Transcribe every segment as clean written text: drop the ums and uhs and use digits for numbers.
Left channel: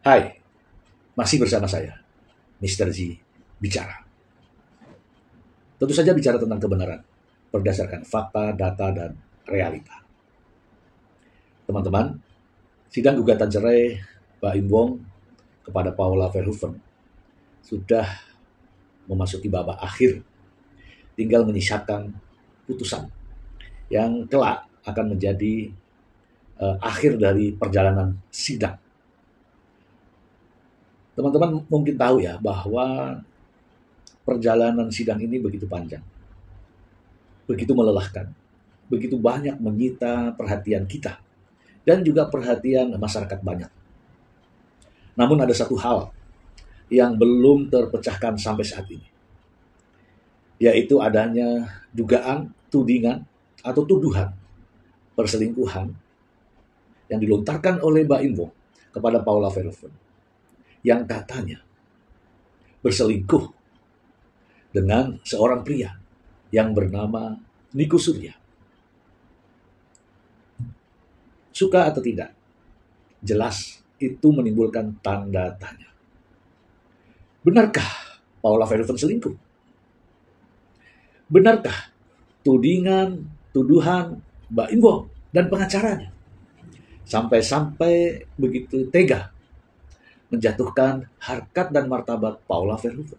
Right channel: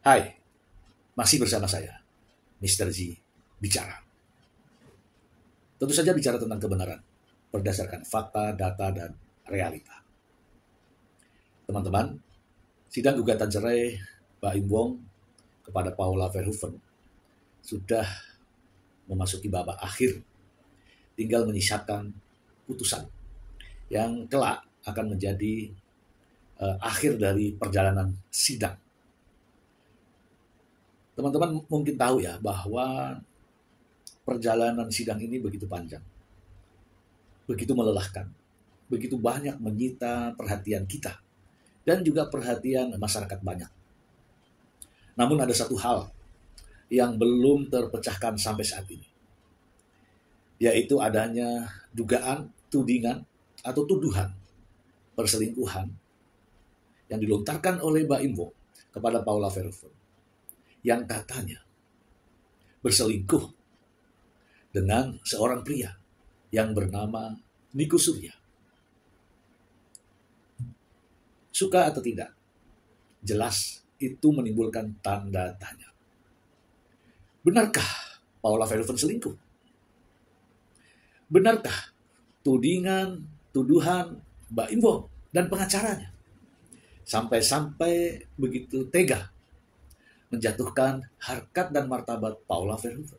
Hai, masih bersama saya, Mr. Z bicara. Tentu saja bicara tentang kebenaran, berdasarkan fakta, data, dan realita. Teman-teman, sidang gugatan cerai Baim Wong kepada Paula Verhoeven sudah memasuki babak akhir, tinggal menyisakan putusan yang kelak akan menjadi akhir dari perjalanan sidang. Teman-teman mungkin tahu ya bahwa perjalanan sidang ini begitu panjang, begitu melelahkan, begitu banyak menyita perhatian kita dan juga perhatian masyarakat banyak. Namun ada satu hal yang belum terpecahkan sampai saat ini, yaitu adanya dugaan, tudingan, atau tuduhan perselingkuhan yang dilontarkan oleh Baim Wong kepada Paula Verhoeven yang katanya berselingkuh dengan seorang pria yang bernama Niko Surya. Suka atau tidak, jelas itu menimbulkan tanda tanya. Benarkah Paula Verhoeven selingkuh? Benarkah tudingan, tuduhan Baim Wong dan pengacaranya sampai-sampai begitu tega menjatuhkan harkat dan martabat Paula Verhoeven?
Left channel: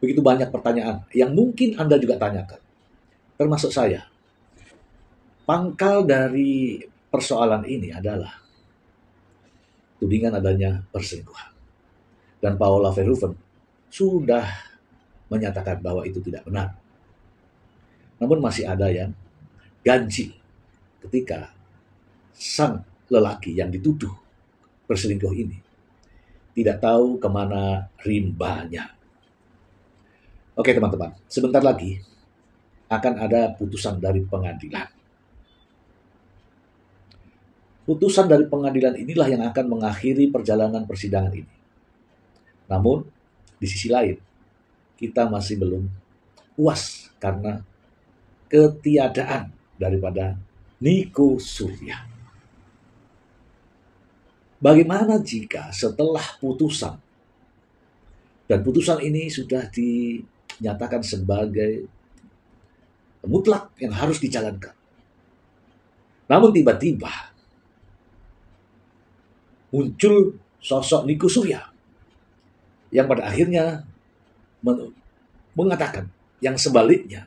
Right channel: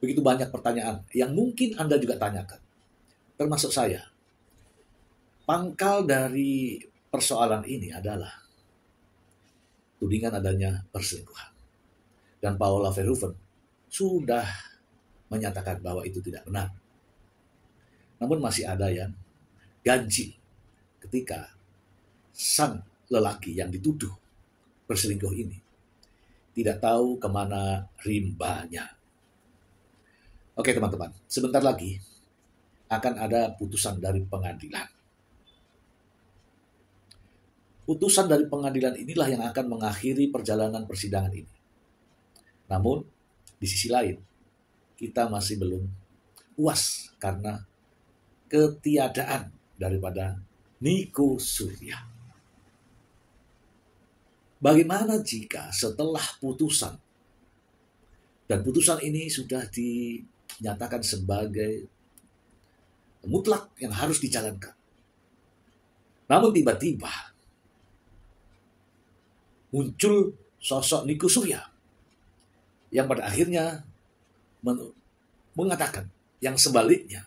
Begitu banyak pertanyaan yang mungkin Anda juga tanyakan, termasuk saya. Pangkal dari persoalan ini adalah tudingan adanya perselingkuhan. Dan Paula Verhoeven sudah menyatakan bahwa itu tidak benar. Namun masih ada yang ganjil ketika sang lelaki yang dituduh berselingkuh ini tidak tahu kemana rimbanya. Oke teman-teman, sebentar lagi akan ada putusan dari pengadilan. Putusan dari pengadilan inilah yang akan mengakhiri perjalanan persidangan ini. Namun, di sisi lain, kita masih belum puas karena ketiadaan daripada Niko Surya. Bagaimana jika setelah putusan, dan putusan ini sudah dinyatakan sebagai mutlak yang harus dijalankan, namun tiba-tiba muncul sosok Niko Surya yang pada akhirnya mengatakan yang sebaliknya.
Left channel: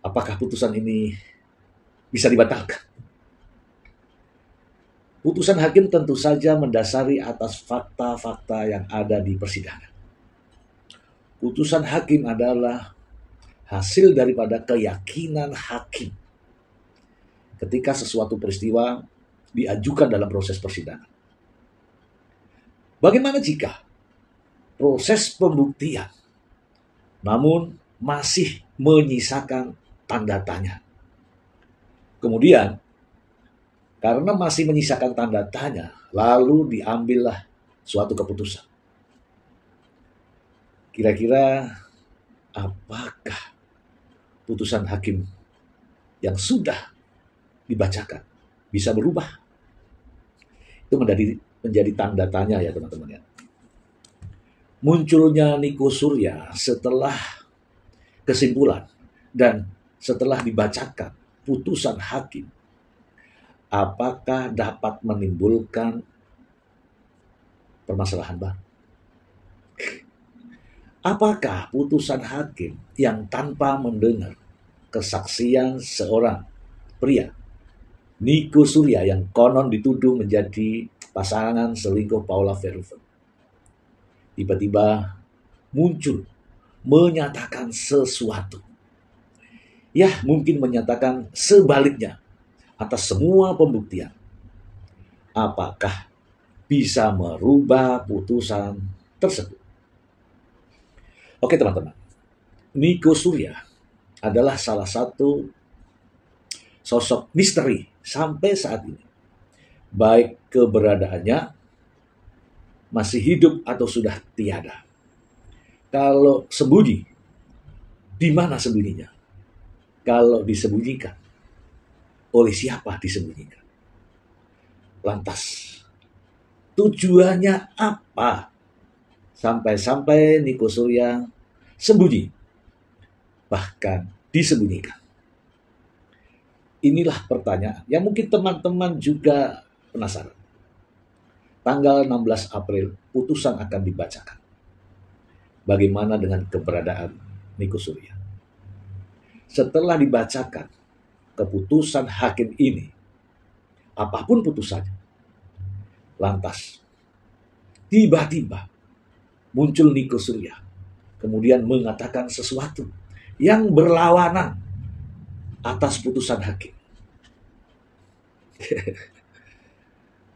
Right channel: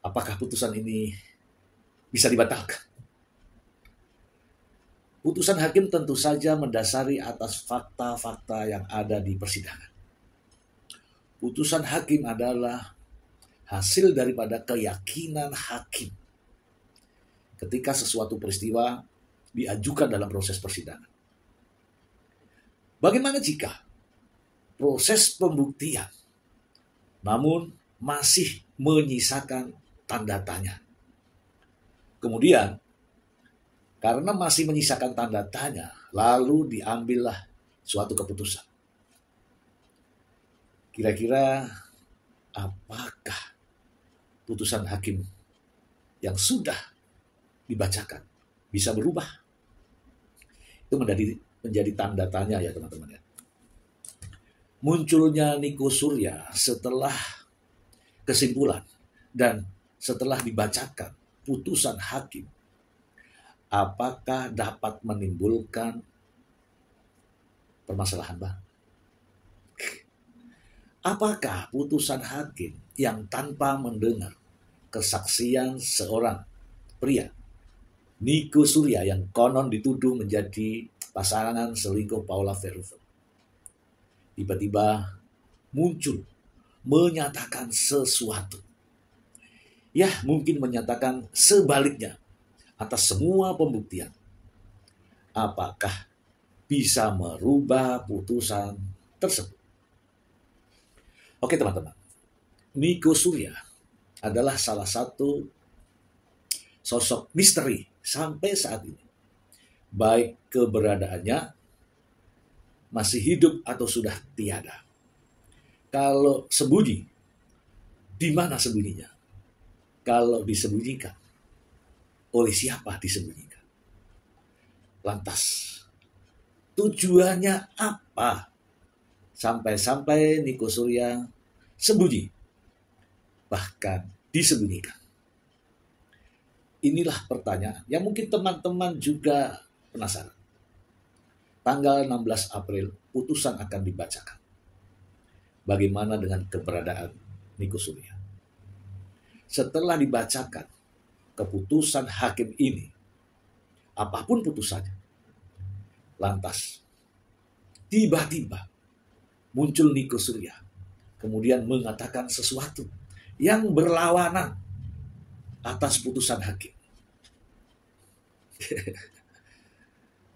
Apakah putusan ini bisa dibatalkan? Putusan hakim tentu saja mendasari atas fakta-fakta yang ada di persidangan. Putusan hakim adalah hasil daripada keyakinan hakim ketika sesuatu peristiwa diajukan dalam proses persidangan. Bagaimana jika proses pembuktian namun masih menyisakan tanda tanya? Kemudian, karena masih menyisakan tanda tanya, lalu diambillah suatu keputusan. Kira-kira apakah putusan hakim yang sudah dibacakan bisa berubah? Itu menjadi tanda tanya ya teman-teman ya. Munculnya Niko Surya setelah kesimpulan dan setelah dibacakan putusan hakim, apakah dapat menimbulkan permasalahan baru? Apakah putusan hakim yang tanpa mendengar kesaksian seorang pria, Niko Surya yang konon dituduh menjadi pasangan selingkuh Paula Verhoeven, tiba-tiba muncul menyatakan sesuatu? Ya, mungkin menyatakan sebaliknya atas semua pembuktian. Apakah bisa merubah putusan tersebut? Oke teman-teman, Niko Surya adalah salah satu sosok misteri sampai saat ini. Baik keberadaannya masih hidup atau sudah tiada. Kalau sembunyi, di mana sembunyinya? Kalau disembunyikan, oleh siapa disembunyikan? Lantas, tujuannya apa? Sampai-sampai Niko Surya sembunyi, bahkan disembunyikan. Inilah pertanyaan yang mungkin teman-teman juga penasaran. Tanggal 16 April, putusan akan dibacakan. Bagaimana dengan keberadaan Niko Surya? Setelah dibacakan keputusan hakim ini, apapun putusannya, lantas tiba-tiba muncul Niko Surya, kemudian mengatakan sesuatu yang berlawanan atas putusan hakim.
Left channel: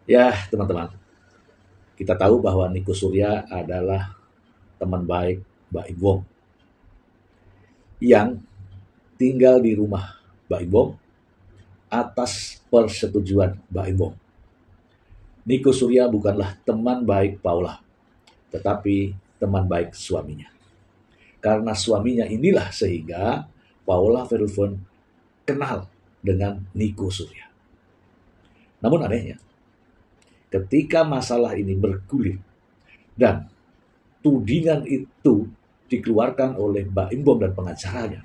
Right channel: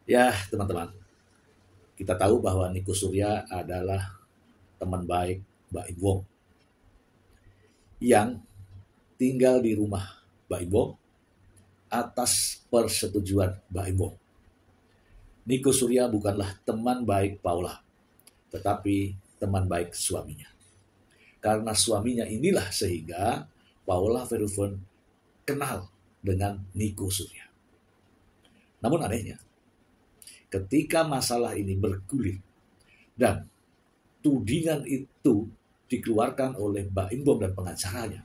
Ya, teman-teman, kita tahu bahwa Niko Surya adalah teman baik Mbak Im Wong yang tinggal di rumah Mbak Im Wong atas persetujuan Mbak Im Wong. Niko Surya bukanlah teman baik Paula, tetapi teman baik suaminya. Karena suaminya inilah sehingga Paula Verhoeven kenal dengan Niko Surya. Namun anehnya, ketika masalah ini bergulir dan tudingan itu dikeluarkan oleh Mbak Im Wong dan pengacaranya,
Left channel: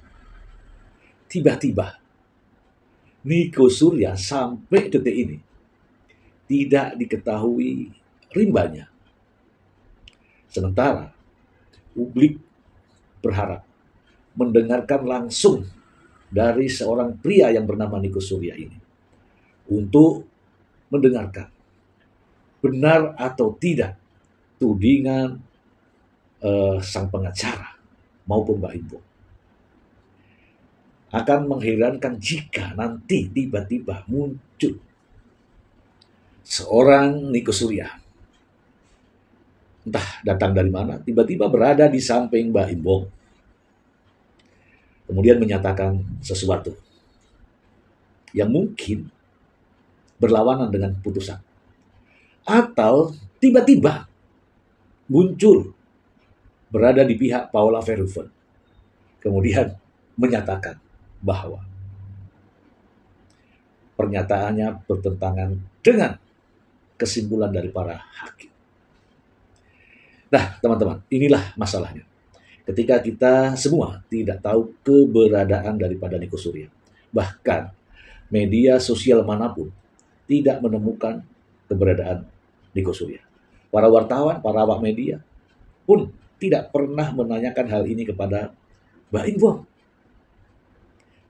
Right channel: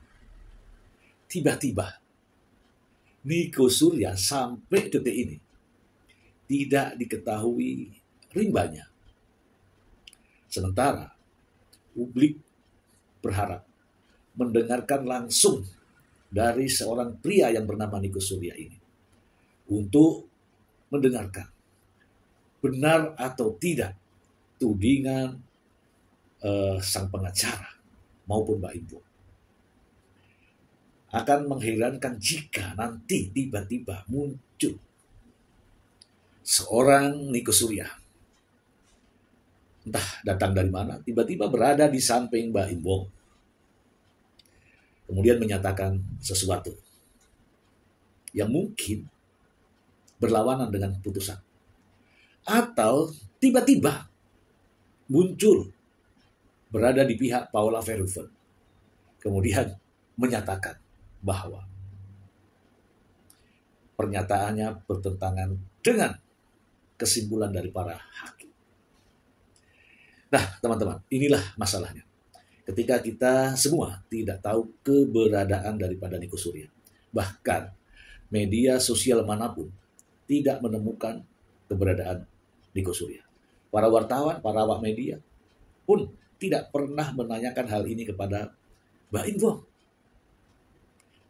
tiba-tiba Niko Surya sampai detik ini tidak diketahui rimbanya. Sementara publik berharap mendengarkan langsung dari seorang pria yang bernama Niko Surya ini untuk mendengarkan benar atau tidak tudingan sang pengacara maupun Mbak Im Wong. Akan mengherankan jika nanti tiba-tiba muncul seorang Niko Surya, entah datang dari mana, tiba-tiba berada di samping Mbak Im Wong, kemudian menyatakan sesuatu yang mungkin berlawanan dengan putusan. Atau tiba-tiba muncul berada di pihak Paula Verhoeven, kemudian menyatakan bahwa pernyataannya bertentangan dengan kesimpulan dari para hakim. Nah, teman-teman, inilah masalahnya. Ketika kita semua tidak tahu keberadaan daripada Niko Surya, bahkan media sosial manapun tidak menemukan keberadaan Niko Surya. Para wartawan, para awak media pun tidak pernah menanyakan hal ini kepada Mbak Im Wong.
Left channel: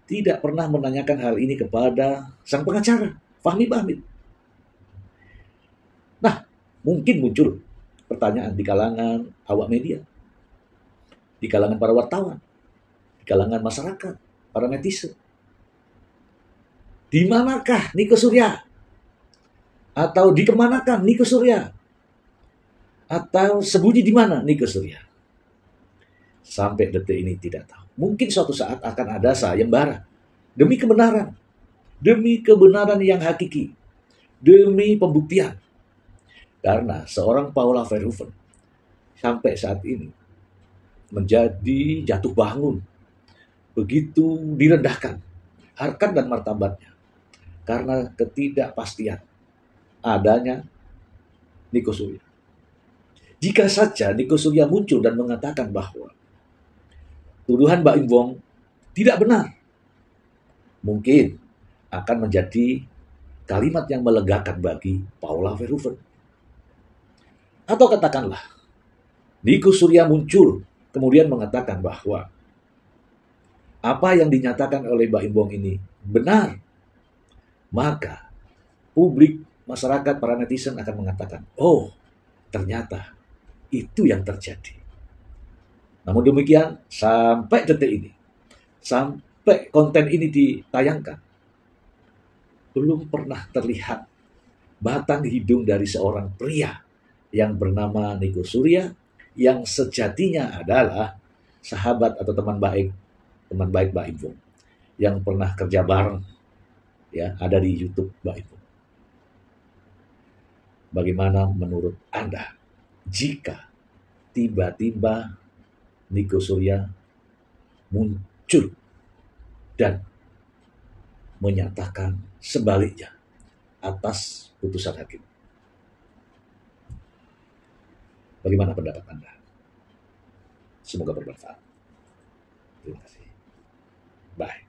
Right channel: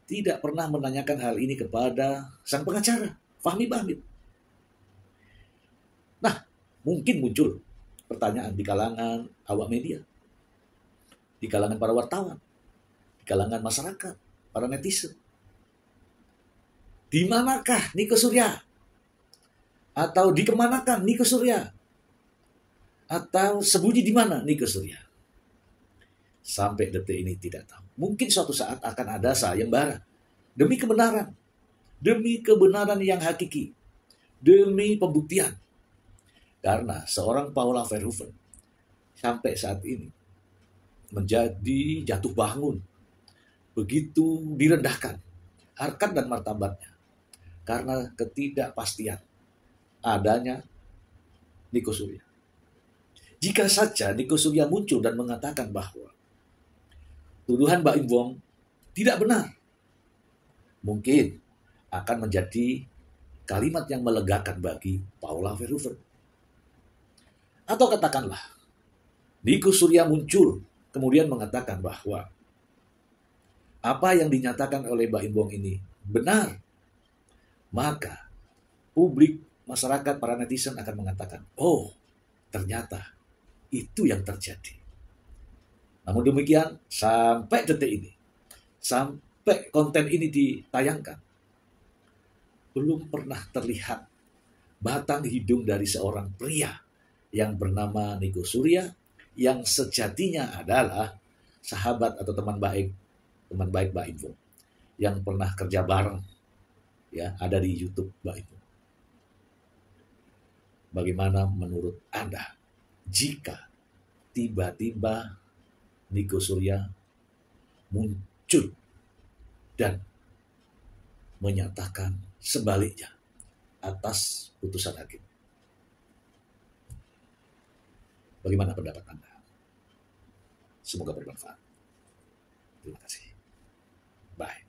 Tidak pernah menanyakan hal ini kepada sang pengacara, Fahmi Bahmid. Nah, mungkin muncul pertanyaan di kalangan awak media, di kalangan para wartawan, di kalangan masyarakat, para netizen. Di manakah Niko Surya? Atau dikemanakan Niko Surya? Atau sembunyi di mana Niko Surya? Sampai detik ini tidak tahu. Mungkin suatu saat akan ada sayembara demi kebenaran, demi kebenaran yang hakiki, demi pembuktian. Karena seorang Paula Verhoeven sampai saat ini menjadi jatuh bangun, begitu direndahkan harkat dan martabatnya karena ketidakpastian adanya Niko Surya. Jika saja Niko Surya muncul dan mengatakan bahwa tuduhan Mbak Im Wong tidak benar, mungkin akan menjadi kalimat yang melegakan bagi Paula Verhoeven. Atau katakanlah Niko Surya muncul kemudian mengatakan bahwa apa yang dinyatakan oleh Mbak Im Wong ini benar, maka publik, masyarakat, para netizen akan mengatakan, oh ternyata itu yang terjadi. Namun demikian, sampai detik ini, sampai konten ini ditayangkan, belum pernah terlihat batang hidung dari seorang pria yang bernama Niko Surya, yang sejatinya adalah sahabat atau teman baik Mbak Im Wong, yang pernah kerja bareng, ya, ada di YouTube Mbak Im Wong. Bagaimana menurut Anda jika tiba-tiba Niko Surya muncul dan menyatakan sebaliknya, atas putusan hakim. Bagaimana pendapat Anda? Semoga bermanfaat. Terima kasih. Bye.